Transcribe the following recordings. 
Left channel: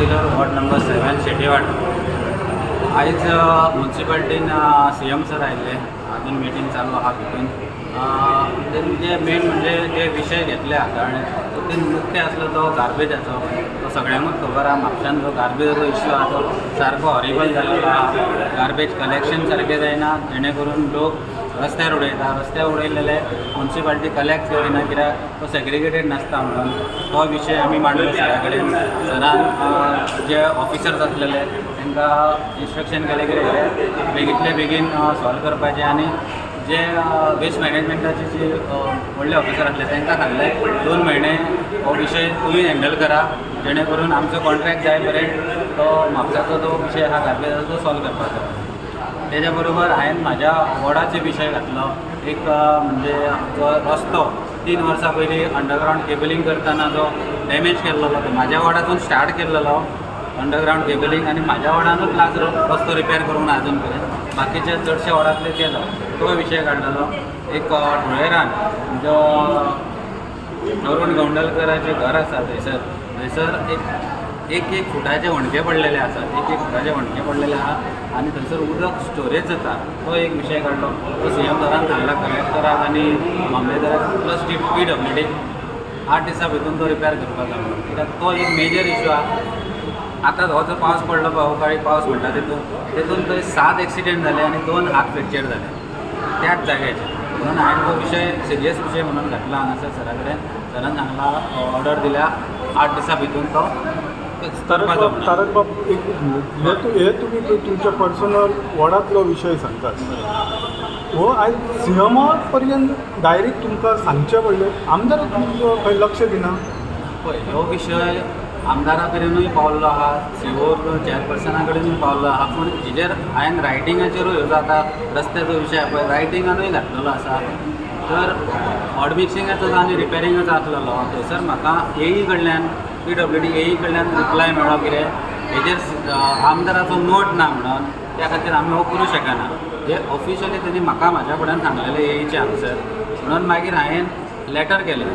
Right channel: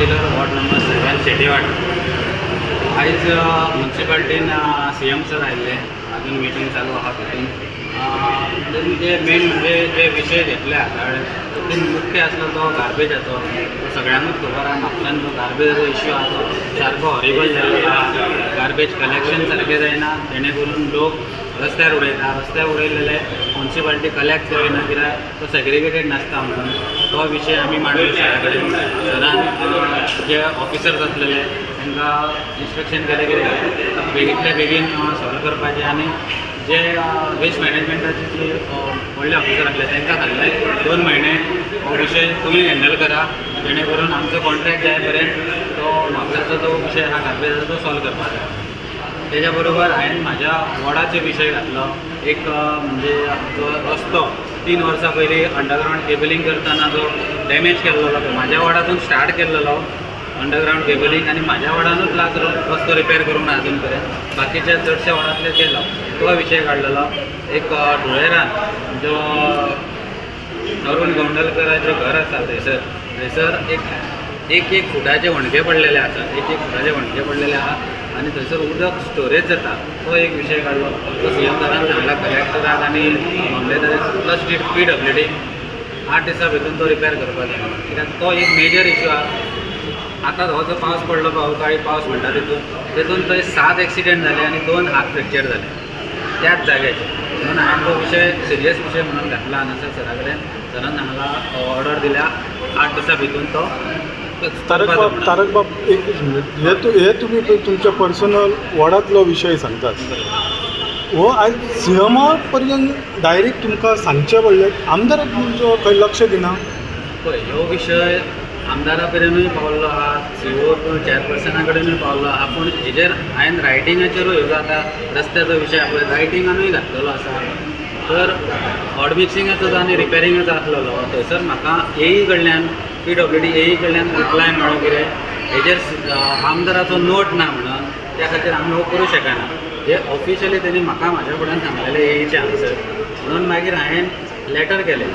Councillor ward number 7 शेटेवाड. आयज म्युन्सिपालिटीन CM sir आयिल्ले. अजून मिटींग चालू आहा तितून जे मेन म्हणजे जे विशय घेतले आसा तितून मुख्य आसलो तो गार्बेजाचो. सगळ्यांकूच खबर आहा म्हापशान जो गार्बेजाचो इश्यू आहा तो सारको हॉरिबल जाल्लो आहा. गार्बेज कलेक्शन सारकें जायना, जेणे करून लोक रस्त्यार उडयता. रस्त्यार उडयलेले म्युन्सिपालिटी कलेक्ट करिना कित्याक तो सेग्रिगेटेड नासता म्हणून. तो विशय आमी मांडलो सरा कडेन. सरान जे ऑफिसर्स आसलेले तांकां इन्स्ट्रक्शन केलें की बेगींतले बेगीन सॉल्व करपाचें आनी जे वेस्ट मॅनेजमेंटाचे जे व्हडले ऑफिसर आसले तांकां सांगलें 2 म्हयने हो विशय तुमी हँडल करा, जेणे करून आमचो कॉन्ट्रॅक्ट जाय पर्यंत तो म्हापसाचो जो विशय आहा गार्बेजाचो तो सॉल्व करपाचो. तेज्या बरोबर हांवें म्हाज्या वॉर्डाचे विशय घातलो. एक म्हणजे जो रस्तो 3 वर्सां पयलीं अंडरग्रावंड केबलिंग करतना जो डॅमेज केल्लो तो म्हाज्या वॉर्डातून स्टार्ट केल्लो अंडरग्रावंड केबलिंग आनी म्हाज्या वॉर्डानूच लास्ट रस्तो रिपेर करूंक ना अजून पर्यंत. बाकीचे चडशे वॉर्डांतले केलो. तो विशय काडलेलो. एक धुळेरान जो अरुण गौंडलकराचें घर आसा थंयसर एक फुटाचे वणके पडलेले आसा. एक फुटाचे वणके पडलेले आहा आनी थंयसर उदक स्टोरेज जाता. तो एक विशय काडलो. तो CM सरान सांगला कलेक्टराक आनी मामलेदाराक प्लस PWD 8 दिसां भितून तो रिपेर करपाचो म्हणून. कित्याक तो एक मेजर इश्यू आहा. आतां हो जो पावस पडलो पळय अवकाळी पावस म्हणटा तितून थंय 7 एक्सिडेंट जाले आनी 2 हात फ्रॅक्चर जाले त्याच जाग्याचेर. म्हणून हांवें तो विशय सिरियस विशय म्हणून घातला हांगासर सरा कडेन. सरान सांगला ऑर्डर दिल्या 8 दिसां भितून तो करपाचो म्हणून. तारक बाब एक मिनीट, हे तुमी तुमच्या पर्सनल वॉर्डांतलो विशय सांगतात. हो आयज CM पर्यंत डायरेक्ट तुमकां सांगचें पडलें, आमदाराक तुमचो खंय लक्ष दिना? पळय ह्यो विशय आमदारा कडेनूय पावल्लो आहा, CO चॅरपर्सना कडेनूय पावल्लो आहा. पूण हेजेर हांवें रायटिंगाचेरूय ह्यो जाता रस्त्याचो विशय पळय रायटिंगानूय घातलेलो आसा. तर हॉट मिक्सिंगाचो आनी रिपेरिंगाचो आसलेलो थंयसर म्हाका AE कडल्यान PWD AE कडल्यान रिप्लाय मेळ्ळो कितें हेजेर आमदाराचो नोट ना म्हणून. त्या खातीर आमी हो करूं शकना. जे ऑफिशियली तेणी म्हाका म्हाज्या फुड्यान सांगलेलें AEचे आन्सर. म्हणून मागीर हांवें लॅटर केलें.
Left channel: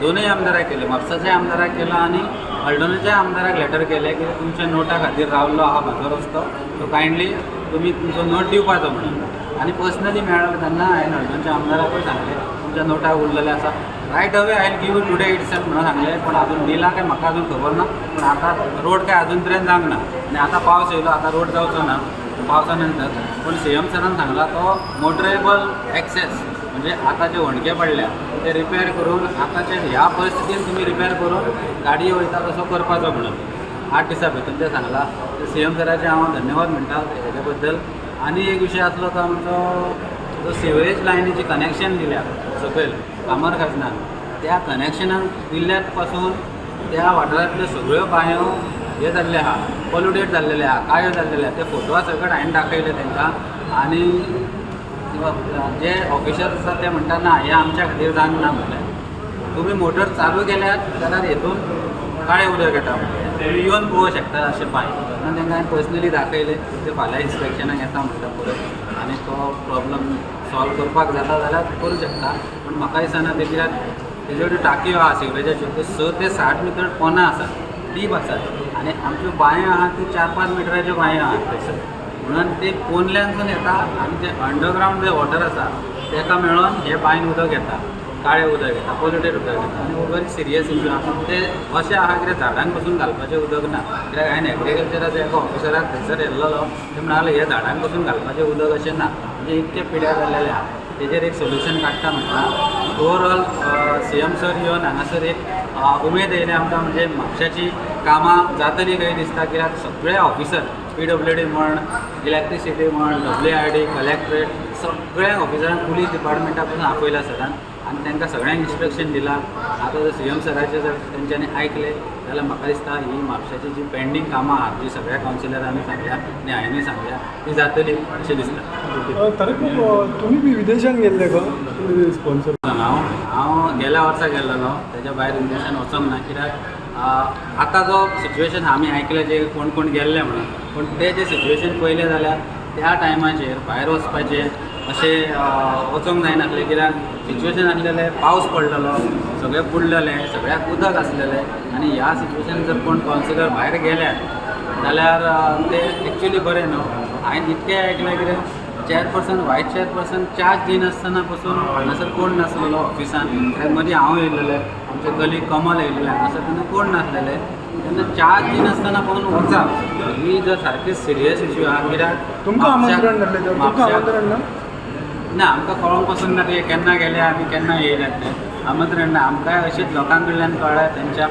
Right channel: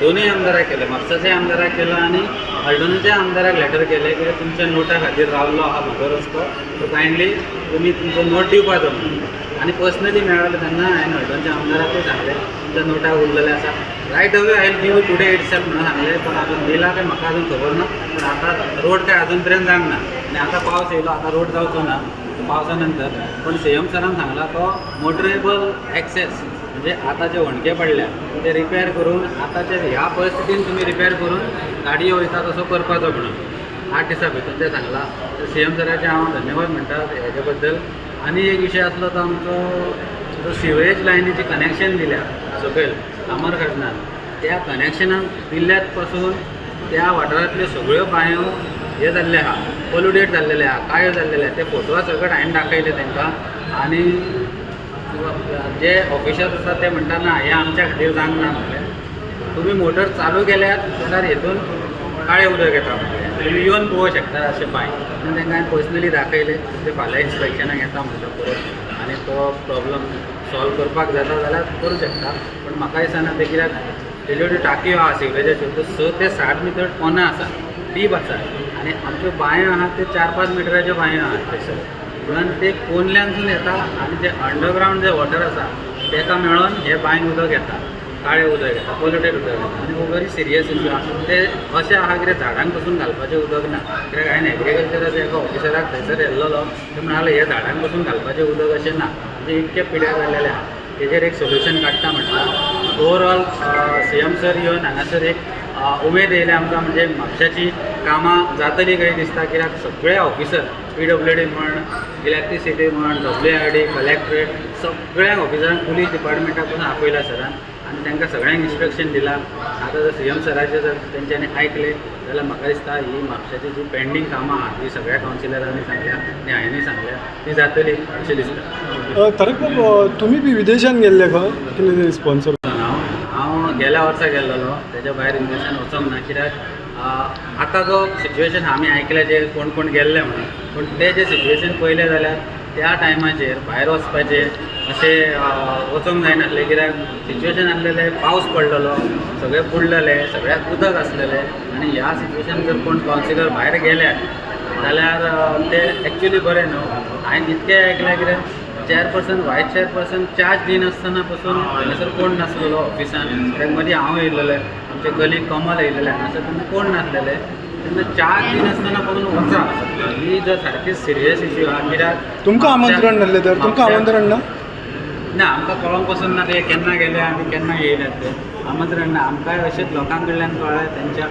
दोनूय आमदाराक केलें. म्हापसाच्या आमदाराक केलो आनी हळडणेच्या आमदाराक लॅटर केलें की तुमच्या नोटा खातीर रावल्लो आहा म्हजो रस्तो, सो कायंडली तुमी तुमचो नोट दिवपाचो म्हणून. आनी पर्सनली मेळ्ळें तेन्ना हांवें हळडणच्या आमदाराकूय सांगलें तुमच्या नोटाक उरलेले आसा. रायट अवे हांवें गिव टुडे इटसेल्फ म्हणून सांगलें. पण अजून दिला काय म्हाका अजून खबर ना. पूण आतां रोड काय अजून पर्यंत जावंक ना आनी आतां पावस येयलो, आतां रोड जावचो ना पावसा नंतर. पण CM सरान सांगला तो मोटरेबल एक्सेस म्हणजे आतां जे वणके पडल्या ते रिपेर करून आतांचे ह्या परिस्थितीन तुमी रिपेर करून गाडयो वयता तसो करपाचो म्हणून 8 दिसां भितर ते सांगला. CM सराचे हांव धन्यवाद म्हणटा हेजे बद्दल. आनी एक विशय आसलो तो आमचो जो सिवेज लायनीची कनेक्शन दिल्या सकयल कामर खाजनान, त्या कनेक्शनाक दिल्ल्यात पासून त्या वाठारांतल्यो सगळ्यो बांयो हे जाल्ले आहा, पोल्युटेड जाल्लेले आहा, काळ्यो जाल्लेले आहा. ते फोटवा सकट हांवें दाखयले तांकां. आनी जे ऑफिसर्स आसा ते म्हणटा ना हें आमच्या खातीर जावंक ना म्हटलें. तुमी मोटर चालू केल्यात जाल्यार हेतून काळें उदक येता म्हटलें, तुमी येवन पळोवंक शकता अशें पांय. म्हणून तांकां हांवें पर्सनली दाखयले. ते फाल्यां इन्स्पेक्शनाक येता म्हणटा परत आनी तो प्रॉब्लम सॉल्व करपाक जाता जाल्यार करूं शकता. पण म्हाका दिसना ते कित्याक तेजे कडेन टाकयो आहा सिवेजाच्यो त्यो 6 ते 7 मीटर पोंदां आसा, डीप आसा. आनी आमच्यो बांयो आहा त्यो 4-5 मिटराच्यो बांयो आहात थंयसर. म्हणून ते पोंदल्यांसून येता आनी जे अंडरग्रावंड जे वॉटर आसा ताका मेळोन हे बांयन उदक येता, काळें उदक येता, पोल्युटेड उदक येता. आनी हो व्हेरी सिरियस इश्यू आहा. ते अशें आहा कितें झाडांक पसून घालपाचें उदक ना. कित्याक हांवें एग्रिकल्चराच्या एका ऑफिसराक थंयसर येल्लो. ते म्हणाले हे झाडांक पसून घालपाचें उदक अशें ना. म्हणजे इतके पिड्यार जाल्लेले आहा. तेजेर एक सोल्युशन काडटा म्हटल्यार ओवरऑल CM सर येवन हांगासर एक उमेद येयल्या आमकां. म्हणजे म्हापशाची कामां जातली कही दिसता. कित्याक सगळे ऑफिसर PWD म्हण, इलेक्ट्रिसिटी म्हण, WIRD, कलेक्टरेट सगळ्या ऑफिसरांक पुलीस डिपार्टमेंटा पसून आपयला सरान आनी तांकां सगळ्यांक इन्स्ट्रक्शन दिलां. आतां जर CM सराचें जर तेंच्यांनी आयकलें जाल्यार म्हाका दिसता ही म्हापशाची जी पेंडींग कामां आहा जी सगळ्या कावन्सिलरांनी सांगल्या आनी हांवेंनी सांगल्या ती जातली अशें दिसता. तारक बाब तुमी बी विदेशांत गेल्ले खंय कितें रिस्पॉन्सर? हांव गेल्या वर्सा गेल्लो. तेज्या भायर विदेशान वचोंक ना. कित्याक आतां जो सिच्युएशन आमी आयकलें जे कोण कोण गेल्ले म्हणून, पूण ते जे सिच्युएशन पयलें जाल्यार त्या टायमाचेर भायर वचपाचें अशें वचोंक जायनासलें, कित्याक सिच्युएशन आसलेलें पावस पडलेलो, सगळें बुडलेले, सगळ्याक उदक आसलेलें आनी ह्या सिच्युएशन जर कोण कावन्सिलर भायर गेल्यात जाल्यार ते एक्चुली बरें न्हू. हांवें इतकें आयकलें कितें चेअरपर्सन व्हायस चेअरपर्सन चार्ज दिनासतना पासून हांगासर कोण नासलेलो ऑफिसान. कित्याक मदीं हांव येयल्लें, आमचे कलीग कमल येयल्लें हांगासर तेन्ना कोण नासलेले. तेन्ना चार्ज दिनासतना पासून वचा ही जर सारकी सिरियस इश्यू आहा. कित्याक तुमकां आमंत्रण नासलें तर तुमकां आमंत्रण ना? ना, आमकां कळोंक पासून ना ते केन्ना गेले आनी केन्ना येयल्यात ते आमंत्रण ना. आमकांय अशेंच लोकां कडल्यान कळ्ळें, तेंच्या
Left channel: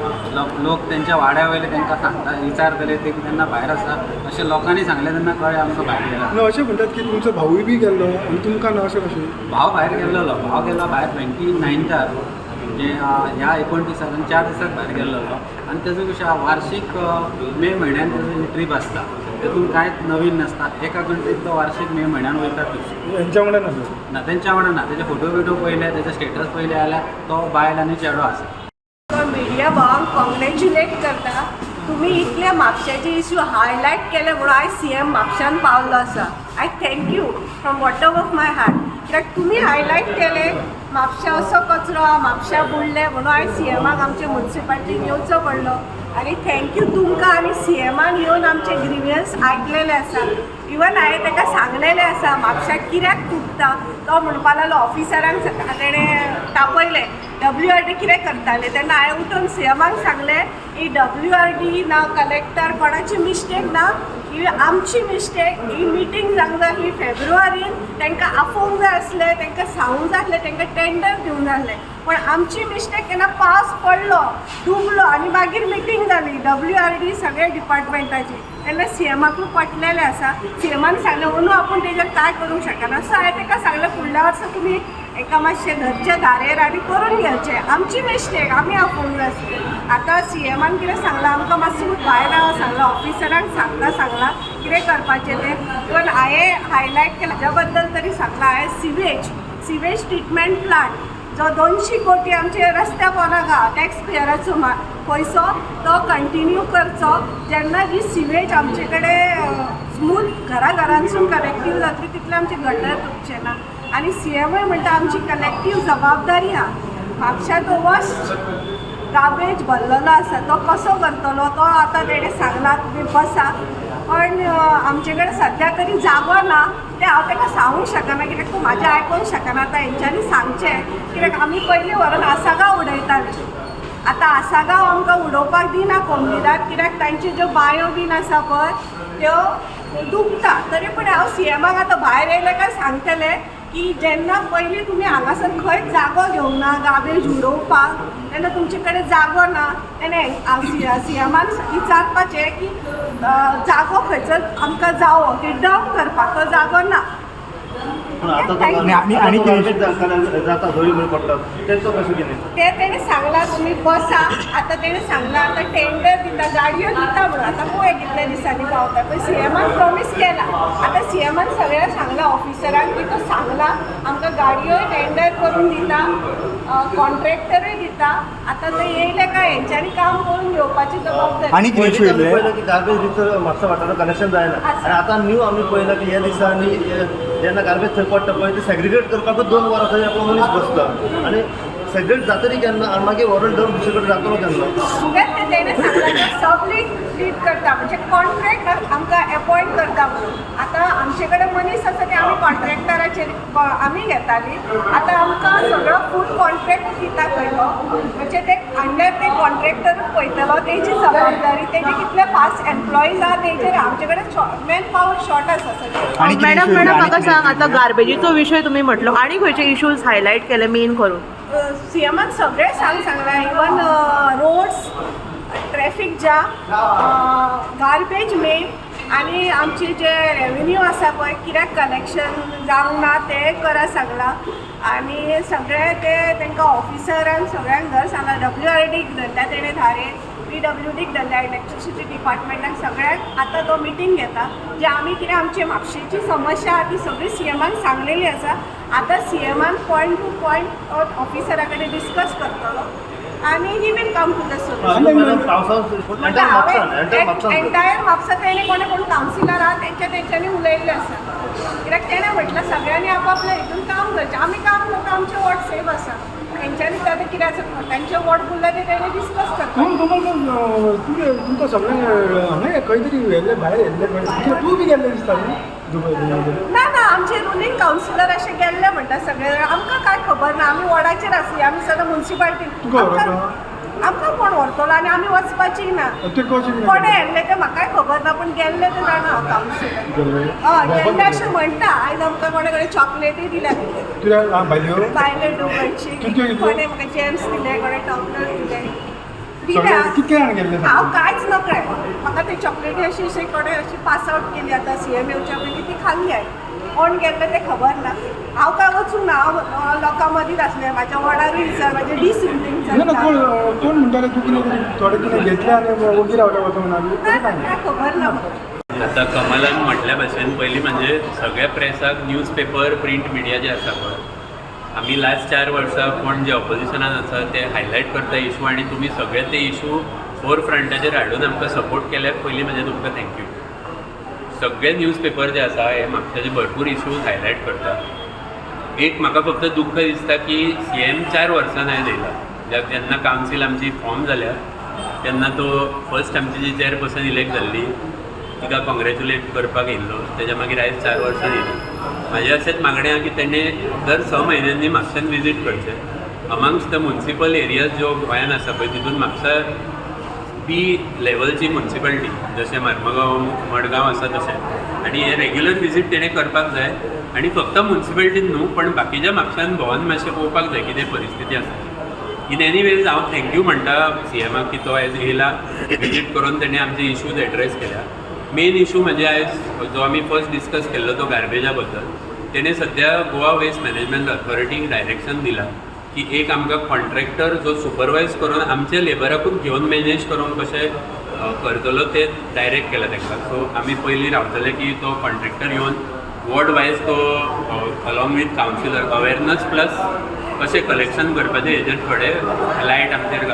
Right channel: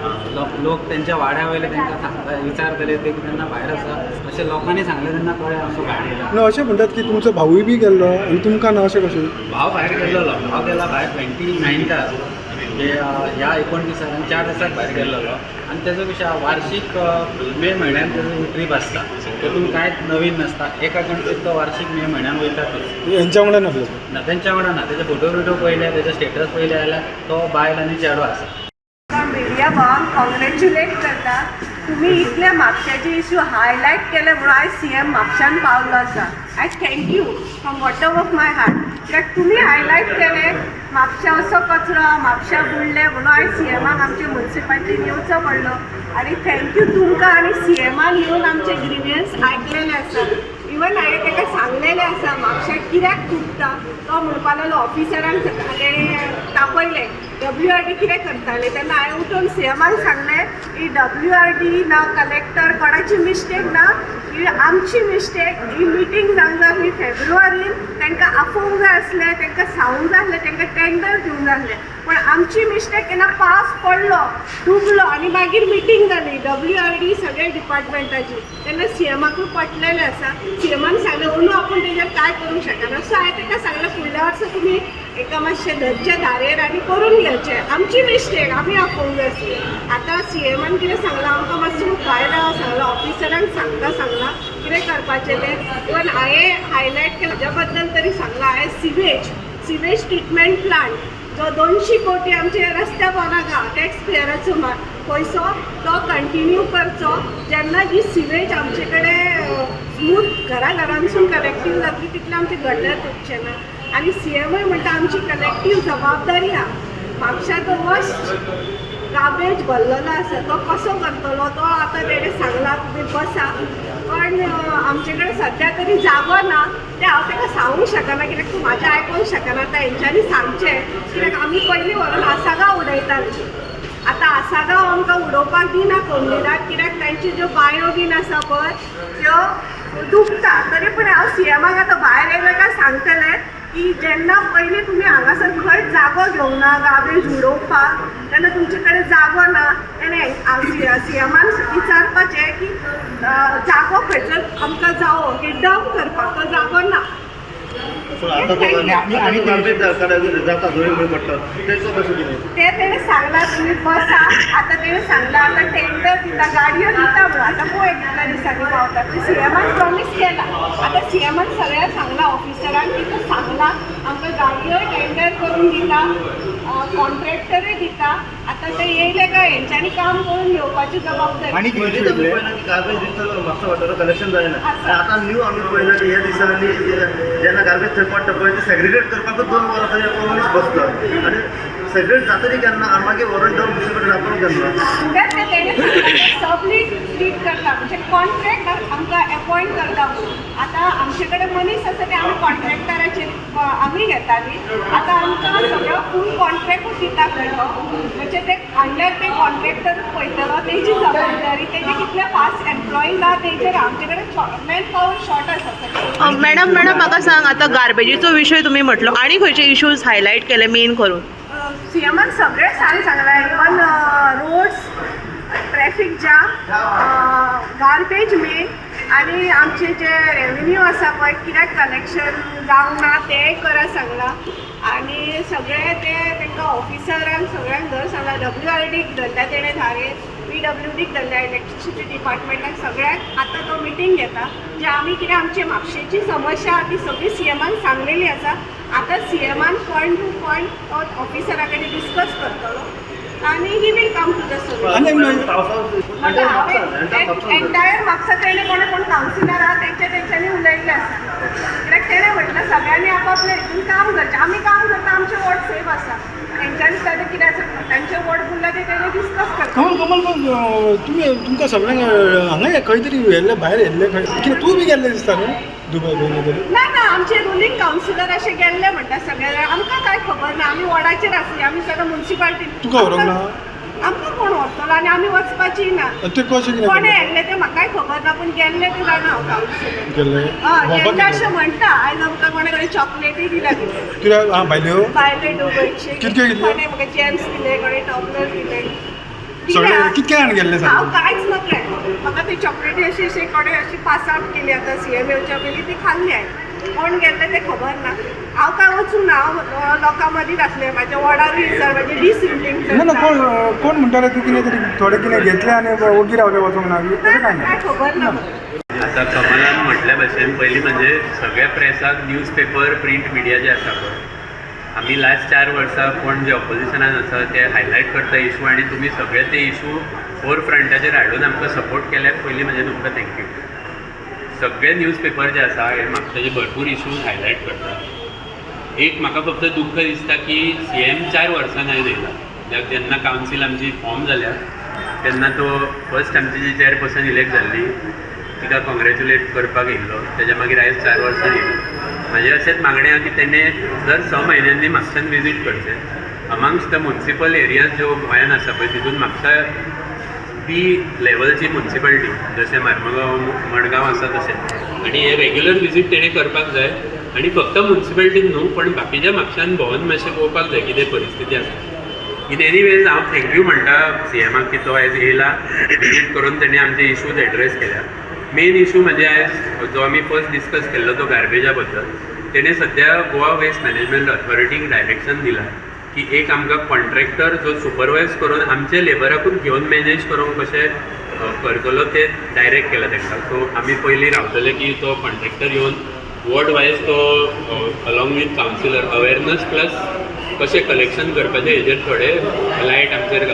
लोक तेंच्या वाड्या वयले तेंकां सांगता विचारतले ते तेन्ना भायर आसा अशें लोकांनी सांगलें तेन्ना कळ्ळें आमकां भायर गेला. ना अशें म्हणटात की तुमचो भावूय बी गेल्लो आनी तुमकां ना, अशें कशें? भाव भायर गेल्लो, भाव गेला भायर 29th म्हणजे ह्या 29 आनी 4 दिसाक भायर गेल्लो. आनी तेजो विशय वार्षिक मे म्हयन्यान तेजो ट्रीप आसता, तेतून कांयच नवीन नासता. एका कंट्रीक तो वार्षिक मे म्हयन्यान वयतातूच. हेंच्या वांगडा नासलो ना तेंच्या वांगडा ना. तेजे फोटो बिटो पयले, तेजे स्टेटस पयले जाल्यार तो बायल आनी चेडो आसा. मिडिया भावांक कॉंग्रॅच्युलेट करता. तुम्ही इतले म्हापशाचे इश्यू हायलायट केले म्हणून आयज CM म्हापशान पावलो आसा. I thank you from bottom of my heart. कित्याक तुमी हायलायट केले म्हापशा असो कचरो, म्हापशा बुडले म्हणून आयज CMाक आमचे म्युन्सिपाल्टीन येवचो पडलो. आनी थँक्यू तुमकां आनी CMान येवन आमचे ग्रिवियन्स आयकलेले आसा. इवन हांवें ताका सांगलेलें आसा म्हापशाक कित्याक तुटता. तो म्हणपा लागलो ऑफिसरांक ताणें तापयलें WRD कितें करताले तेन्ना हांवें उठून CMाक सांगलें ही WRD ना कलेक्टर कोणाची मिस्टेक ना, ही आमची मिस्टेक. ही मिटींग जावंक जाय आसली फेब्रुवारीन, तांकां आपोवंक जाय आसलें, तांकां सांगूंक जाय आसलें, तांकां टेंडर दिवंक जाय आसलें. पण आमची मिस्टेक केन्ना पावस पडलो, डुबलो आनी मागीर मिटींग जाली WRD सगळे डिपार्टमेंटाची. तेन्ना CMाकूय पटलेलें आसा. CMान सांगलें म्हणून आपूण तेजेर कांय करूंक शकना. सो हांवें ताका सांगलें फुडल्या वर्सा तुमी एका मातशें धरचे धारेर आनी करून घेवचें. आमची मिस्टेक आमी आपोवंक जाय आसली. आतां CMान कितें सांगलां आमकां मातसो भायर रावूंक सांगलां, ऑफिसरांक सांगलां कितें करपाचें तें. इवन हांवें हायलायट केलां हाज्या बद्दल तरी सांगलां. हांवें सिवेज ट्रिटमेंट प्लांट जो 200 कोटी आमचे रस्त्या पोंदाक आहा टॅक्सपेयराचो पयसो तो कंटिन्यू करचो. जेन्ना ही सिवेज आमचे कडेन स्मूथ घरांसून कलेक्टीव जातली तितले आमचे गटर तुटचे ना. आनी CMय म्हणटा आमची कलेक्टीव जबाबदारी आहा. म्हापशा तो वस्ट गार्बेज भरलेलो आसा तो कसो करतलो तो आतां तेणें सांगला तुमी बसा. पण आमचे कडेन सद्या तरी जागो ना तें हांव ताका सांगूंक शकना, कित्याक तूं म्हाजें आयकूंक शकना. आतां हेंच्यांनी सांगचें, कित्याक आमी पयलीं व्हरून आसागांव उडयतालीं. आतां आसागांव आमकां उडोवपाक दिना कोंकणीदाक, कित्याक तांच्यो ज्यो बांयो बीन आसा पळय त्यो डुबता. तरी पूण हांव CMाक आतां भायर येयलें काय सांगतलें की जेन्ना पयलीं तुमी हांगासर खंयच जागो घेवंक ना गार्बेज उडोवपाक तेन्ना तुमचे कडेन जागो ना. तेन्ना CMान विचारपाचें की जागो खंयचो आमकां जावो की डंप करपाक तो जागो ना. ते तेणें सांगलां तुमी बसा. आतां तेणें सांगलां आतां टेंडर दिता, गाडयो दिता म्हणून. आतां पळय कितल्या दिसांनी पावता. पण CMान प्रॉमीस केला. आतां CMान सगळ्यांक सांगलां ऑफिसरांक की तो सांगलां आमकां गाडयो टेंडर करून दिता, कॉन्ट्रॅक्टरूय दिता. आतां ते येयले काय हेंच्यांनी काम करून घेवपाची जबाबदारी. आनी पयलीं आमी पळयलां की गार्बेज दिवचो म्हापसा वाठारांत कनेक्शन जायना. आनी आतां न्यू आमी पळयलां की ह्या दिसांनी जेन्ना गार्बेज थंय पडटा पळय ते सेग्रिगेट करपाकूच 2 वरां थंय मनीस बसता. आनी सेग्रिगेट जातरी केन्ना आनी मागीर व्हरून डंप दुसरे कडेन जातलो केन्ना. कित्याक ते तेणें सांगलां सबलीट लीड करता म्हणजे कॉन्ट्रॅक्ट आमकां एपॉयंट करता म्हणून. आतां आमचे कडेन मनीस आसा ते आमी कॉन्ट्रॅक्टराचेर आमी घेतालीं. आतां आमकां सगळो फूल कॉन्ट्रॅक्टूच दिता खंयलो म्हणजे ते अंडर ते कॉन्ट्रॅक्टरूच पळयतलो. तेजी जबाबदारी, तेजे कितले फास्ट एम्प्लॉईज आहा तेजेर. आमचे कडेन मॅन पॉवर शॉर्ट आसा सगळें. मॅडम म्हाका सांग, आतां गार्बेजीचो विशय तुमी म्हटलो, आनी खंयचे इश्यूज हायलायट केले मेन करून? CMान सगळे सांगलां. Even roads, traffic jam, garbage मेन आनी आमचे जे रेवन्यू आसा पळय कित्याक कलेक्शन जावंक ना तेंय करा सांगलां. आनी सगळे ते तांकां ऑफिसरांक सगळ्यांक घर सांगलां. WRDक धरल्या तेणें धारेर, PWDक धरल्या इलेक्ट्रिसिटी डिपार्टमेंटाक सगळ्यांक. आतां तो मिटींग घेता जे आमी कितें आमची म्हापशेची समस्या आहा ती सगळी CMान सांगलेली आसा. आतां CMान पॉयंट टू पॉयंट ऑफिसरा कडेन डिस्कस करतलो आणि he will come to the solution. आणि म्हणटा हांवें एंटायर म्हापसा तेणें कोणे कोण कावन्सिलर आहा तेंच्यांनी उलयल्लें आसा. कित्याक तेणें म्हटलं सगळ्यांनी आपापल्या हितून काम करचें. आमी काम करता, आमचें वॉर्ड सेफ आसा. तेंच्यांनी ताणें कितें आसा तांचें वॉर्ड उरला तें तेणें डिस्कस करता. तुम्ही तुमकां सगळ्यांक हांगा खंय तरी व्हेल्ले भायर येल्ले खंय कित्याक तूं बी गेल्लें दिसता न्हू दुबय ना ना आमचे रुलींग कावन्सिलर अशें गेल्ले म्हणटा सगळे. आमकां काय खबर ना, आमी वॉर्डाचेर आसली, आमी सगळे म्युन्सिपाल्टी. तुका व्हरोंक ना? आमकां कोण व्हरतलो आनी आमी वचपाची ना. ते कशें कोणे येल्ले ते म्हाकाय खबर ना, पूण गेल्ले ते जाणा हांव कावन्सिलर. गेल्ले हय गेल्ले अशें म्हणटा. आयज आमकां कोणे कडेन चॉकलेटी दिल्या कितें कित्याक भायल्यो भायले दुबयची. कितके दिले? कोणे म्हाका जेम्स दिले, कोणे टॉपलर दिले. सगळे कितके जाण गेल्ले हांव सांग कांयच नकळें. म्हाका ती चॉकलेटी अशी कोणे अशी पास आउट केली आतां CM येवच्या पयलीं ती खाल्ली हांवें. कोण गेल्ले ते खबर ना. हांव काय वचूंक ना, हांव लोकां मदींच आसलें. म्हाज्या वॉर्डारूय सर म्हाजी डिसिप्लीन ना ना कोण म्हणटाले तूं कितें तरी थोडें कितें घेतलें आनी ओगी रावले वचूंक ना तशें काय ना. काय खबर ना म्हाका. आता कमलान म्हटल्या भाशेन पयलीं म्हणजे सगळ्या प्रेसाक न्यूजपेपर प्रिंट मिडिया जे आसा पळय, आमी लास्ट 4 वर्सां कोण जे ऑपोजिशनान आसा ते हायलायट करता इशू आनी तुमी सगळे ते इशू फोर फ्रंटाचेर हाडून आमकां सपोर्ट केल्याक पयलीं म्हणजे तुमकां थँक्यू. सगळे न्यूजपेपर जे आसा हे म्हापशाचे भरपूर इशूज हायलायट करता. एक म्हाका फक्त दुख्ख दिसता की CM 4 वर्सां आयज येयला. जेन्ना कावन्सील आमची फॉर्म जाल्या तेन्ना तो फर्स्ट आमची जी चॅरपर्सन इलेक्ट जाल्ली तिका कॉंग्रॅच्युलेट करपाक येयल्लो. तेज्या मागीर आयज 4 वर्सां येयली. म्हाजें अशेंच मागणें आहा की तेणें दर 6 म्हयन्यांनी म्हापशान विजीट करचें. अमांगस्ट द म्युन्सिपल एरियाज ज्यो गोंयान आसा पळय तितून म्हापसा B लेवलची म्युन्सिपालिटी जशें मार्मगांव मडगांव आसा तशें. आनी हे रेग्युलर विजीट तेणें करपाक जाय. आनी फक्त म्युन्सिपालिटीन न्हू पण बाकीच्या म्हापशान भोंवन मातशें पळोवपाक जाय कितें परिस्थिती आसा. इन एनी वेज हांव थँक्यू म्हणटा CMाक की तो आयज येयला, विजीट करून तेणें आमचे इशूज एड्रेस केल्या. मेन इशू म्हणजे आयज जो आमी फर्स्ट डिस्कस केल्लो तो गार्बेजा बद्दल. तेणें सद्या गोवा वेस्ट मॅनेजमेंट ऑथॉरिटीक डायरेक्शन दिलां की एक आमकां कॉन्ट्रॅक्टर जो सुपरवायज करून आमचे लेबराकूच घेवन मॅनेज करूंक कशें करतलो ते डायरेक्ट केला तांकां. सो आमी पयलीं रावतले की तो कॉन्ट्रॅक्टर येवन वॉर्ड वायज तो along with councillor awareness plus कशें कलेक्शन करपाचें हेजेर थोडे लायट आमचेर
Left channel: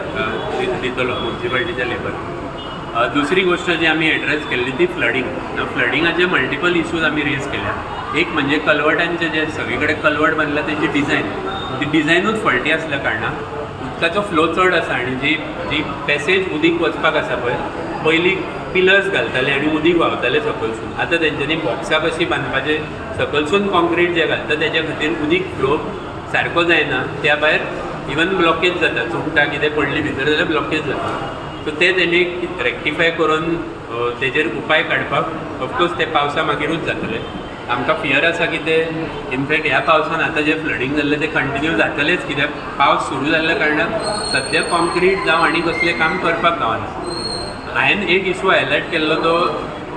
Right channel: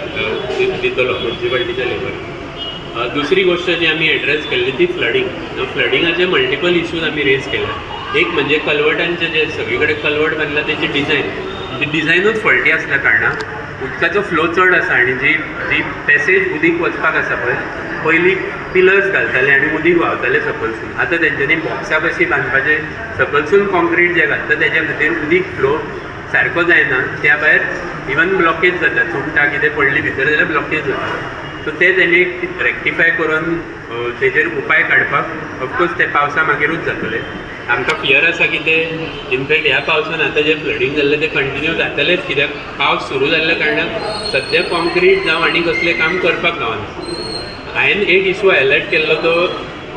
दितलो म्युन्सिपालिटीच्या लेबर. दुसरी गोष्ट जी आमी एड्रेस केल्ली ती फ्लडींग. फ्लडिंगाचे मल्टिपल इशूज आमी रेज केल्या. एक म्हणजे कल्वटांचे जे सगळे कडेन कल्वट बांदला तेची डिझायन, ती डिझायनूच फॉल्टी आसल्या कारणान उदकाचो फ्लो चड आसा आनी जी पॅसेज उदीक वचपाक आसा पळय पयलीं पिलर्स घालताले आनी उदीक व्हांवतालें सकलसून. आतां तेंच्यांनी बॉक्सा कशी बांदपाचें सकलसून कॉन्क्रीट जें घालता तेच्या खातीर उदीक फ्लो सारको जायना. त्या भायर इवन ब्लॉकेज जाता, चुकटा कितें पडली भितर जाल्यार ब्लॉकेज जाता. सो ते तेणी रेक्टिफाय करून तेजेर उपाय काडपाक ऑफकोर्स ते पावसा मागीरूच जातले. आमकां फियर आसा की ते इनफॅक्ट ह्या पावसान आतां जे फ्लडींग जाल्लें तें कंटिन्यू जातलेंच कित्याक पावस सुरू जाल्ल्या कारणान सद्या कॉन्क्रीट जावं आनी कसलें काम करपाक गावना. हांवें एक इशू हायलायट केल्लो तो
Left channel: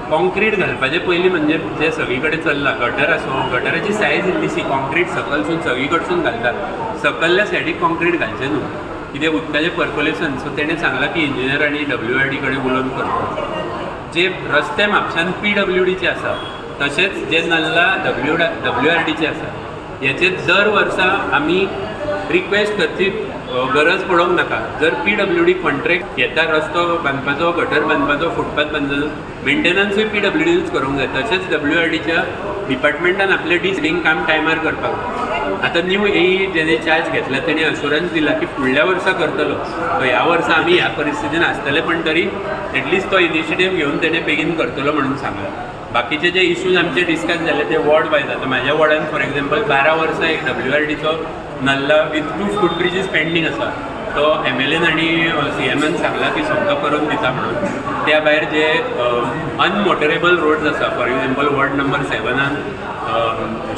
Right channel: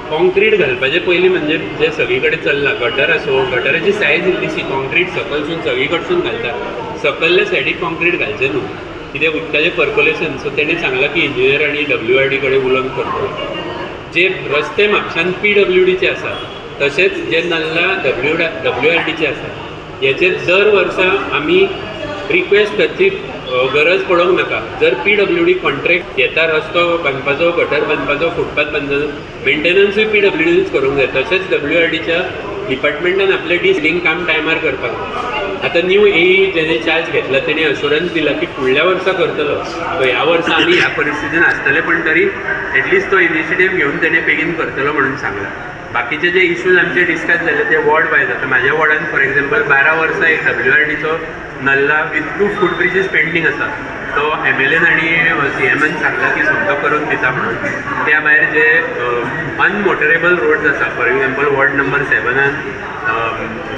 कॉन्क्रीट घालपाचे पयलीं म्हणजे जे सगळी कडेन चल्ला गटर आसूं गटराची सायज इल्लीशी कॉन्क्रीट सकलसून सगळी कडसून घालता. सकयल्ल्या सायडीक कॉन्क्रीट घालचें न्हू कित्याक उदकाचें पर्कुलेशन. सो तेणें सांगलां की इंजिनियर आनी WRD कडेन उलोवन करता. जे रस्ते म्हापशान PWDचे आसा तशेंच जे नाल्ला WRDचे आसा हेचेर दर वर्सा आमी रिक्वेस्ट करची गरज पडोंक नाका. जर PWD कॉन्ट्रॅक्ट घेता रस्तो बांदपाचो गटर बांदपाचो फुटपाथ बांदपाचो मेंटेनन्सूय PWDनूच करूंक जाय. तशेंच WRDच्या डिपार्टमेंटान आपलें डिसिलींग काम टायमार करपाक जाय. आतां न्यू AE जेणे चार्ज घेतला तेणे अशुरन्स दिला की फुडल्या वर्सा करतलो. सो ह्या वर्सा आमी ह्या परिस्थितीन आसतले पण तरी एटलिस्ट तो इनिशिएटीव घेवन तेणे बेगीन करतलो म्हणून सांगला. बाकीचे जे इशूज आमचे डिस्कस झाले ते वॉर्ड वायज. आतां म्हाज्या वॉर्डान फॉर एक्झाम्पल 12 वर्सां एक WRDचो नल्ला विथ 2 फुटब्रिजीस पेंडींग आसा. तो MLAन आनी CMन सांगला की सोंतो करून दिता म्हणून. त्या भायर जे अनमोटरेबल रोड्स आसा for example ward number 7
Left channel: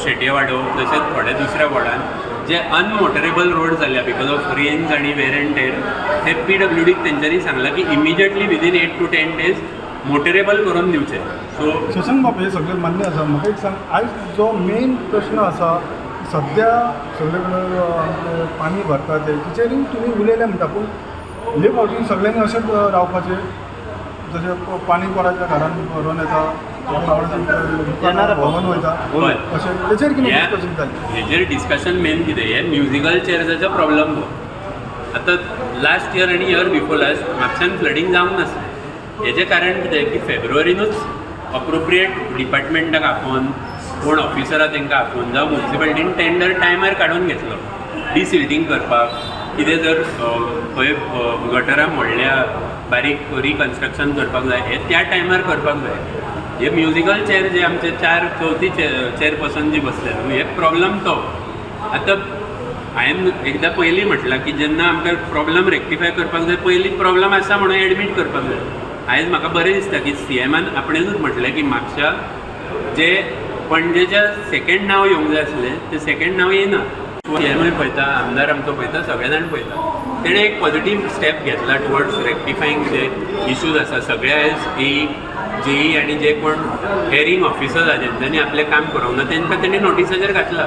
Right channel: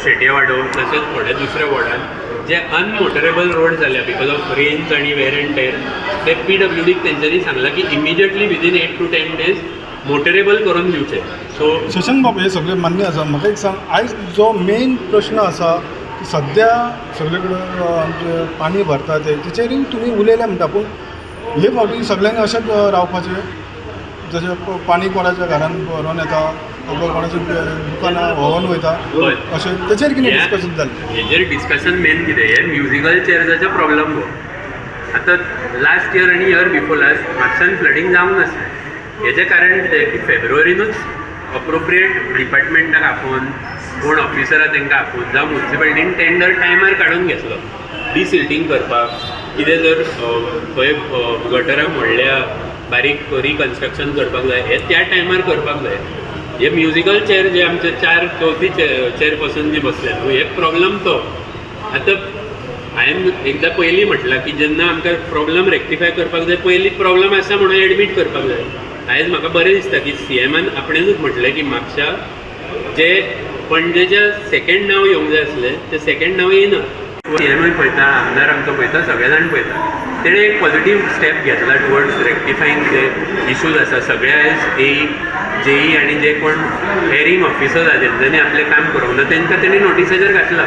Shetye Wado तशेंच थोड्या दुसऱ्या वॉर्डान जे अनमोटरेबल रोड जाल्या बिकॉज ऑफ रेन्स आनी वेर एंड टेर ते PWDक तेंच्यांनी सांगलां की immediately within 8 to 10 days motorable करून दिवचे. सो शशांक बाब हे सगळें मान्य आसा. म्हाका एक सांग आयज जो मेन प्रश्न आसा की सद्या सगळे कडेन आमचें पाणी भरता तेचेरूय तुमी उलयल्या म्हणटा पूण हे फावटी सगळ्यांनी अशेंच रावपाचें जशें पाणी कोणाच्या घरान व्हरून येता कोणाची दुकानां व्हरून वयता अशें तेचेर कितें डिस्कशन जालें. हेजेर डिस्कशन मेन कितें हे म्युजिकल चेअर्साचो प्रॉब्लम गो. आतां लास्ट इयर आनी इयर बिफोर लास्ट म्हापसान फ्लडींग जावंक नासलें. हेजें कारण कितें की फेब्रुवारीनूच अप्रोप्रिएट डिपार्टमेंटाक आपोवन कोण ऑफिसरां तांकां आपोवन जावं म्युन्सिपालिटीन टेंडर टायमार काडून घेतलो डिसिल्टींग करपाक. कितें जर खंय गटरां मोडल्या बारीक रिकन्स्ट्रक्शन करपाक जाय हें त्या टायमार करपाक जाय. हे म्युजिकल चेअर जे आमचे चवथी चेअरपर्सन जी बसले न्हू हे प्रॉब्लम तो. आतां हांवें एकदां पयलीं म्हटलां की जेन्ना आमकां प्रॉब्लम रेक्टिफाय करपाक जाय पयलीं प्रॉब्लम आसा म्हणून एडमीट करपाक जाय. आयज म्हाका बरें दिसता की CMन आपणेनूच म्हटलें की म्हापशा जे पणजेच्या सेकंड नांव येवंक जाय आसलें तें सेकंड नांव येयना. CMय पळयता, आमदार आमचो पळयता, सगळे जाण पळयता. तेणें एक पॉझिटीव स्टेप घेतला टुवर्ड्स रेक्टिफायींग जे इश्यूज आसा. सगळे आयज JE आनी जे कोण हेरींग ऑफिसर्स आहा जेंच्यांनी आपलें काम करूंक ना तांकां तेणी नोटिसाचेर घातला.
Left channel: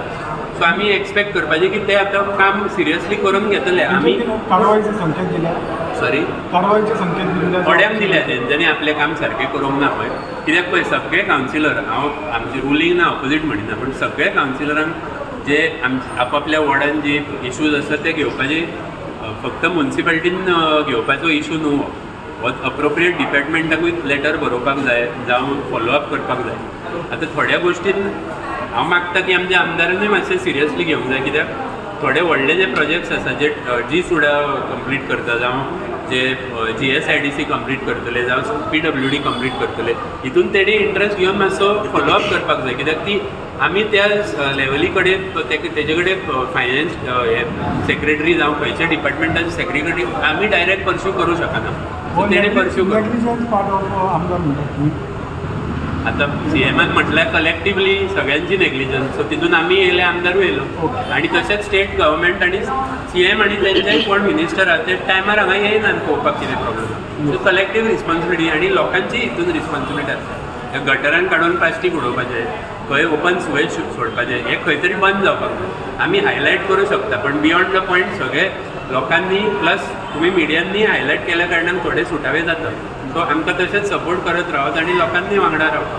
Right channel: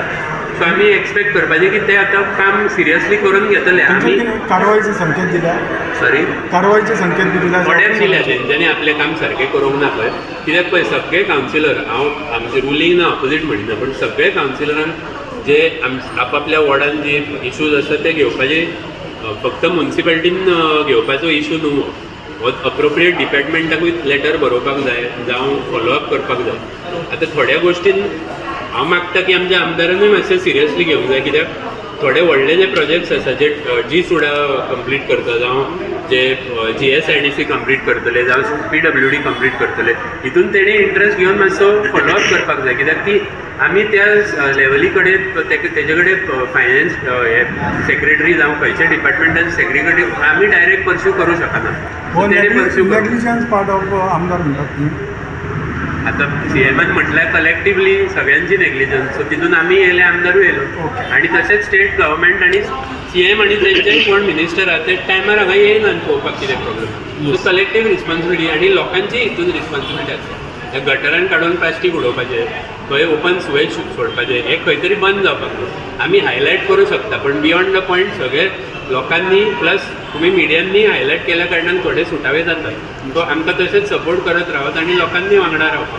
सो आमी एक्सपेक्ट करपाचें की ते आतां काम सिरियसली करून घेतले. आमी कारवाईचे संकेत दिला, सॉरी कारवाईचे संकेत दिला थोड्यांक दिल्या जेंच्यांनी आपलें काम सारकें करूंक ना पळय. कित्याक पळय सगळे कावन्सिलर हांव आमचे रुलींग ना ऑपोजीट म्हणिना पूण सगळे कावन्सिलरांक जे आपापल्या वॉर्डान जे इश्यूज आसा ते घेवपाचे फक्त म्युन्सिपालिटीन घेवपाचो इश्यू न्हू हो अप्रोप्रिएट डिपार्टमेंटाकूय लेटर बरोवपाक जाय जावं फॉलोअप करपाक जाय. आतां थोड्या गोश्टीन हांव मागता की आमच्या आमदारांनी मातशें सिरियसली घेवंक जाय. कित्याक थोडे व्हडले जे प्रोजेक्ट्स आसा जे G-सुडा कंप्लीट करता जावं जे GSIDC कंप्लीट करतले जावं PWD कंप्लीट करतले हितून तेणी इंट्रस्ट घेवन मातसो फॉलोअप करपाक जाय. कित्याक ती आमी त्या लेवली कडेन तेजे कडेन फायनान्स हे सेक्रेटरी जावं खंयच्या डिपार्टमेंटाचे सेक्रेटरी आमी डायरेक्ट परस्यू करूं शकना. तेणी परस्यू नेग्लिजन्स पार्ट ऑफ आमदार म्हणटात न्ही. आतां CMन म्हटल्यार कलेक्टिवली सगळ्यांची नेग्लिजन्स. सो तितून आमी येयले आमदारूय येयलो आनी तशेंच स्टेट गव्हर्मेंट आनी CM आनी तेंचे कोण मिनिस्टर आहा ते टायमार हांगा येयना पळोवपाक कितें प्रॉब्लम आहा. सो कलेक्टीव रिस्पॉन्सिबिलिटी आनी लोकांची हितून रिस्पॉन्सिबिलिटी आसता. ह्या गटरान काडून प्लास्टीक उडोवपाचें खंय ओपन सुवेज सोडपाचें हें खंय तरी बंद जावपाक जाय. आमी हायलायट करूं शकता पण बियॉन्ड द पॉयंट सगळे लोकांनी प्लस तुमी मिडियांनी हायलायट केल्या कारणान थोडे सुटावे जातात. सो आमकां तशेंच सपोर्ट करत रावत आनी लोकांनी वांगडा रावपाक.